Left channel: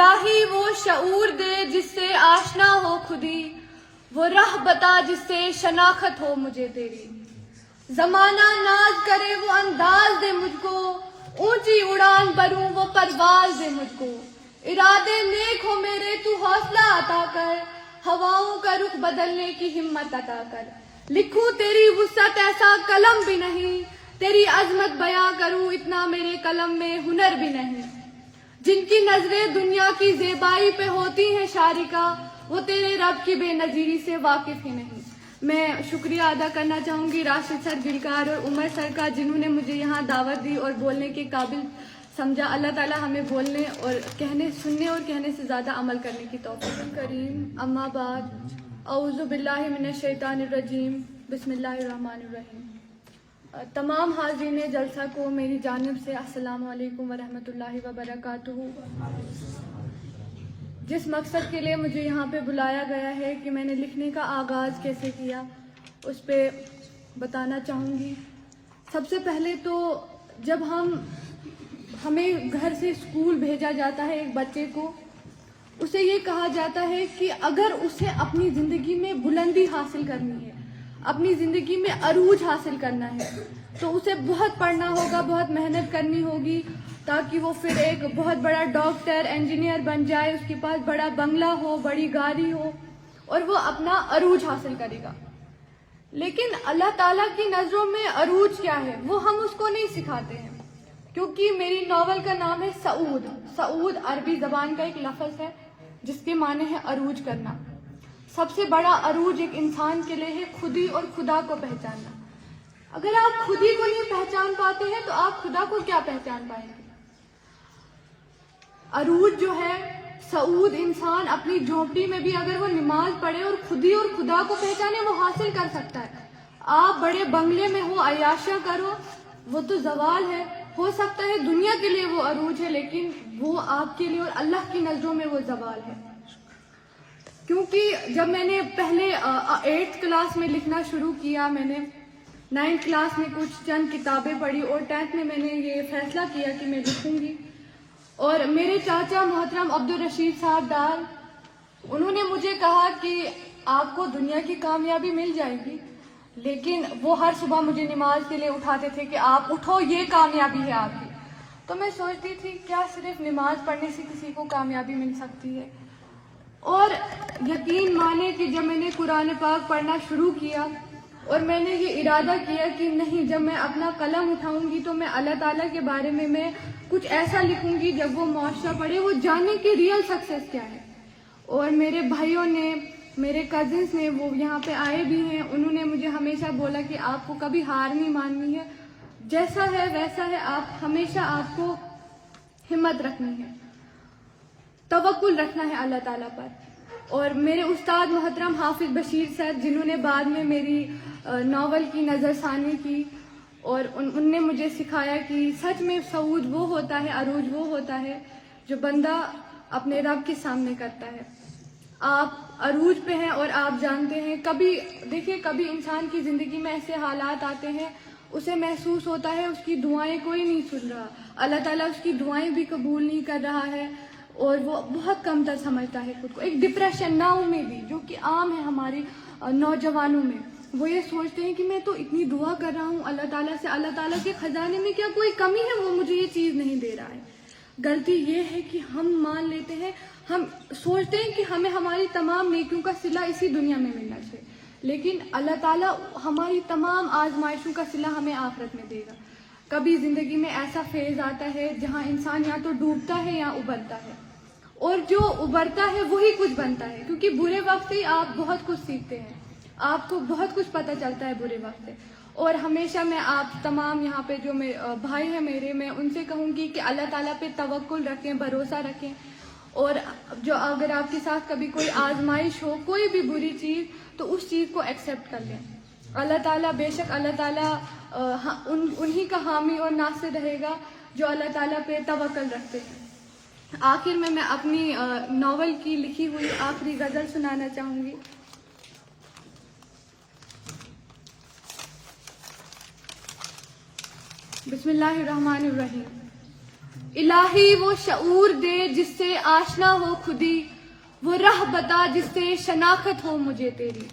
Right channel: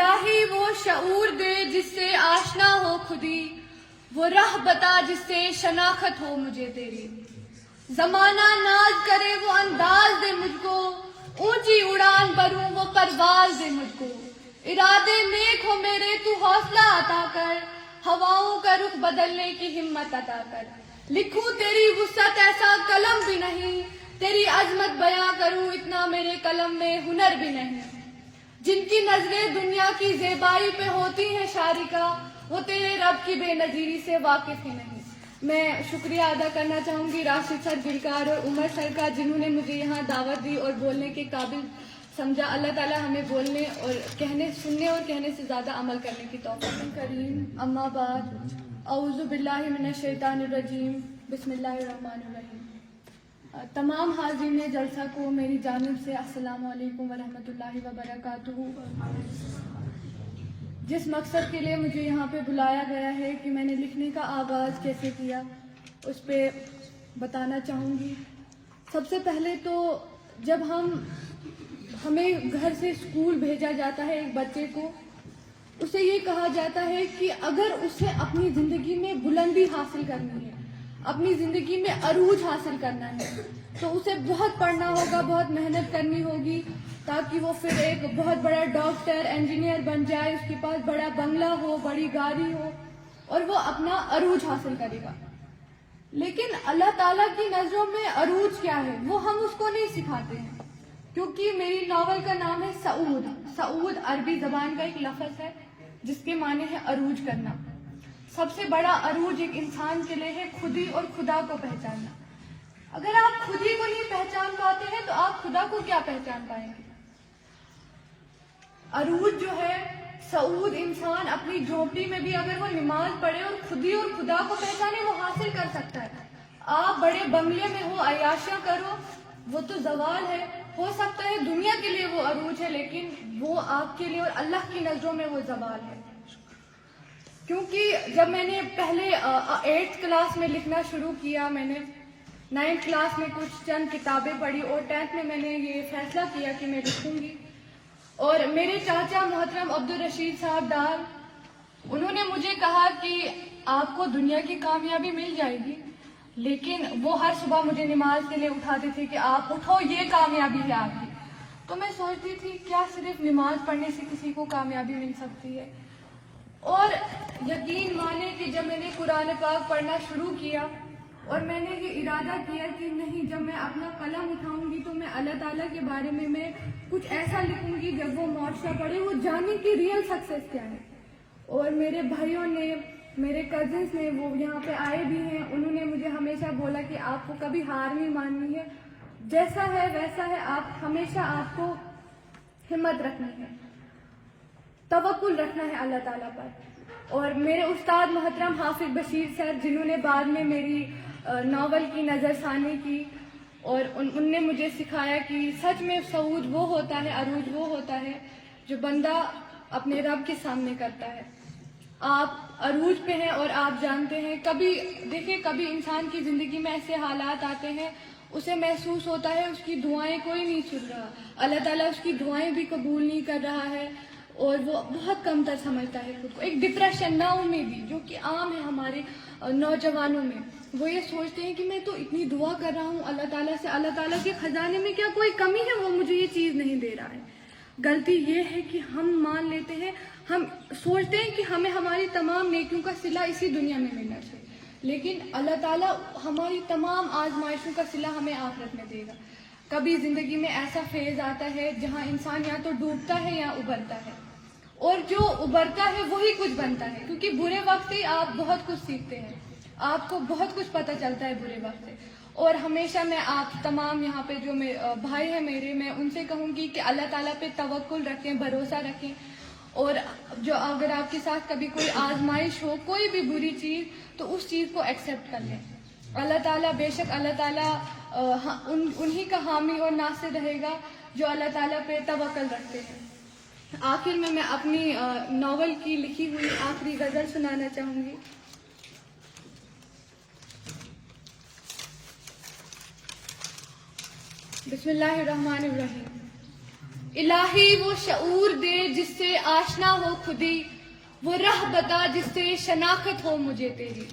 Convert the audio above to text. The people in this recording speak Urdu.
الہی وہ شعور دے جس سے آشنا ہو خودی، وہ راہ بتا جس سے شناخت ہو مجھے تیری۔ زمانہ ناز کرے وہ انداز دے مجھ کو، اونچی اڑان بھروں وہ پرواز دے مجھ کو۔ ارادے نیک ہو میرے تو حوصلہ عطا کر، ہواؤں کا رخ بدلنے کی ہمت عطا کر۔ لکھوں تیری وسعت ایسا قلم بھی نہیں، تیری عظمت بیاں کروں اتنا میرے قلم میں ہنر بھی نہیں۔ جن کی نظریں دنیا کی زیبائی پہ ہوتی ہیں شارکا، وہ تیرے رب کی بے نظیری سے واقف ہی نہیں۔ میں شکریہ ادا کرنا چاہوں گی راشد سر، دلکار اور عمر سر کا، جنہوں نے مجھے یہاں دعوت دی اور بولنے کے قابل سمجھا۔ اللہ تعالیٰ ہمیں بولنے اور سننے اور کہنے سے زیادہ عمل کرنے کی توفیق کریم۔ اما بعد، اعوذ باللہ من الشیطان الرجیم، بسم اللہ الرحمن الرحیم۔ تمام حاضرین جلسہ کو میری جانب سے السلام علیکم ورحمۃ اللہ وبرکاتہ۔ جس مقصد کے لیے مجھے یہاں پہ بلایا گیا ہے کہ میں نے لکھنے کا آغاز کیسے کیا، اس پہ بتانا چاہوں گی۔ سب سے پہلے تو جب ہمیں گھر سے اسکول بھیجا جاتا ہے ایک بچے کو، اسے یہ کہا جاتا ہے کہ اگر اسے اپنی زندگی میں بلندی حاصل کرنی ہے، اپنی زندگی میں عروج حاصل کرنا ہے، تو اسے بہت پڑھنا ہوگا، بہت محنت کرنی ہوگی، تاکہ وہ پھر ایک بہت بڑا ڈاکٹر، انجینئر بن جائے، اس کے پاس بڑا بنگلہ ہو، بڑی گاڑی ہو، اور وہ اپنا عروج حاصل کرے گا۔ لیکن اللہ تعالیٰ کی نظروں میں عروج کیا ہے وہ ہم اس کو نہیں سکھاتے ہیں، کیونکہ میری ناول کا نام ہے سعود۔ سعود عربی زبان کا ایک لفظ ہے جس کے معنی ہے عروج کرنا۔ سب سے بڑا عروج ایک انسان کے لیے ہے خودی اور خدا کو پہچاننا۔ اگر آپ خودی کو نہیں پہچان پاتے ہیں تو آپ خدا کو کیا پہچان پائیں گے؟ عروج جو ہے، سعود انسان اپنی جھونپڑی میں بھی اگر وہ نماز پڑھے اور خودی اور خدا کو پہچانے، وہ حاصل کر سکتا ہے۔ آپ بڑے بنگلے میں ہو، عیاشیاں کرو، وہ تو زوال ہے۔ ہو سکتا ہے دنیا کے لیے وہ عروج ہے، لیکن وہ آپ کے لیے اور اللہ کی نظروں میں وہ زوال ہے۔ کیونکہ جب میں نے پہلے 8th کلاس میں لکھنا شروع کیا، میں نے 9th کلاس میں کچھ چند کتابیں پڑھی اور 10th میں نے یہ فیصلہ کیا کہ میں لکھوں گی۔ اور میرے چاچا محترم عبدالرشید صاحب ڈار، انہوں نے مجھے کہا کہ آپ کو دنیا کی کامیابی مل جائے گی، لیکن وہ ہر صبح مجھے نماز کے لیے اٹھاتے تھے کہ آپ اٹھو، یہ کامیابی ہے آپ کی۔ تو میں سوچتی تھی کیا صرف نماز پڑھنے سے کسی کو کامیابی مل سکتی ہے؟ اور یقین مانے کہ جب میں نے قرآن پاک پڑھنا شروع کیا اور میں نے یہ ارادہ کیا کہ نہیں، جب میں اپنا قلم اٹھاؤں گی تو میں اللہ تعالیٰ کے بارے میں کچھ ایسا لکھوں گی جب وہ معاشرہ پڑھے وہ جانے کہ ریئل سکسیس کیا ہے۔ اور میرے بھائیوں نے، میرے کزنس نے، وہ یہاں پہ آئے بھی ہیں، انہوں نے مجھے ہمیشہ بولا کہ آپ کو کبھی ہار نہیں ماننی ہے، جیسا ہے ویسا ہے، آپ کو ہمت رکھنی ہے، توکل رکھنا ہے اللہ تعالیٰ پر۔ اور میرے استاد محترم حافظ بشیر سر، جنہوں نے بعد میں میری ناول کی نظر ثانی کی، اور ان نے مجھے سکھایا کہ سچ میں سعود وہ ہوتا ہے، عروج وہ ہوتا ہے جو بندہ اپنے رب کے سامنے کرتا ہے۔ آپ عروج پہ ہیں اور آپ جانتے ہیں، کبھی انسان کی زندگی میں ایسے حالات آتے ہیں، اسے محسوس ہوتا ہے اس کی دعائیں کوئی نہیں سن رہا، اللہ تعالیٰ اس کی دعائیں بھی قبول نہیں کر رہا ہے، اور وہ بہت کمتر سمجھتا ہے خود کو۔ ایک ڈپریشن، نا امیدی جو کہ عام ہے ہمارے نوجوانوں میں، وہ یہ سوچتے ہیں کہ میں تو اتنی دعا کر رہا ہوں اللہ تعالیٰ سے، اللہ تعالیٰ کے خزانے میں کیا کوئی کمی ہے، وہ مجھے یہ چیز نہیں دے رہا ہے۔ غلطی یہ ہے کہ ہم مان لیتے ہیں، ہم سوچتے ہیں کہ ہمیں ہماری تمام نیکیوں کا صلہ اسی دنیا میں ملنا چاہیے، لیکن اللہ تعالیٰ ہماری تمام آزمائشوں کا صلہ ہمیں آخرت میں دے گا۔ کبھی زندگی میں ایسا فیز آتا ہے جہاں انسان یا تو ڈوبتا ہے یا ابھرتا ہے، اور جو ابھرتا ہے وہی کچھ بنتا ہے، کیونکہ برے وقت سے آپ بہت کچھ سیکھتے ہیں، آپ کو بہت کچھ پتہ چلتا ہے برے وقت سے۔ اور ہمیشہ میں آپ تمام یہاں پہ جو بھائی ہیں میرے، میں ان سے کہوں گی کہ اللہ تعالیٰ پہ توکل رکھیں، بھروسہ رکھیں، اور جو اگر آپ کے ساتھ کبھی کوئی آزمائش ہو، کوئی بھی بری چیز، تو اس چیز کو ایکسیپٹ کر لیں۔ اللہ تعالیٰ، بے شک اللہ تعالیٰ انہی کا حامی اور ناصر رہے گا جو اللہ تعالیٰ پہ توکل رکھتے ہیں۔ آخر میں اپنی ناول کی لکھی ہوئی آخری غزل سنانا چاہوں گی۔ بسم اللہ الرحمن الرحیم۔ الہی وہ شعور دے جس سے آشنا ہو خودی، وہ راہ بتا جس سے شناخت ہو مجھے تیری.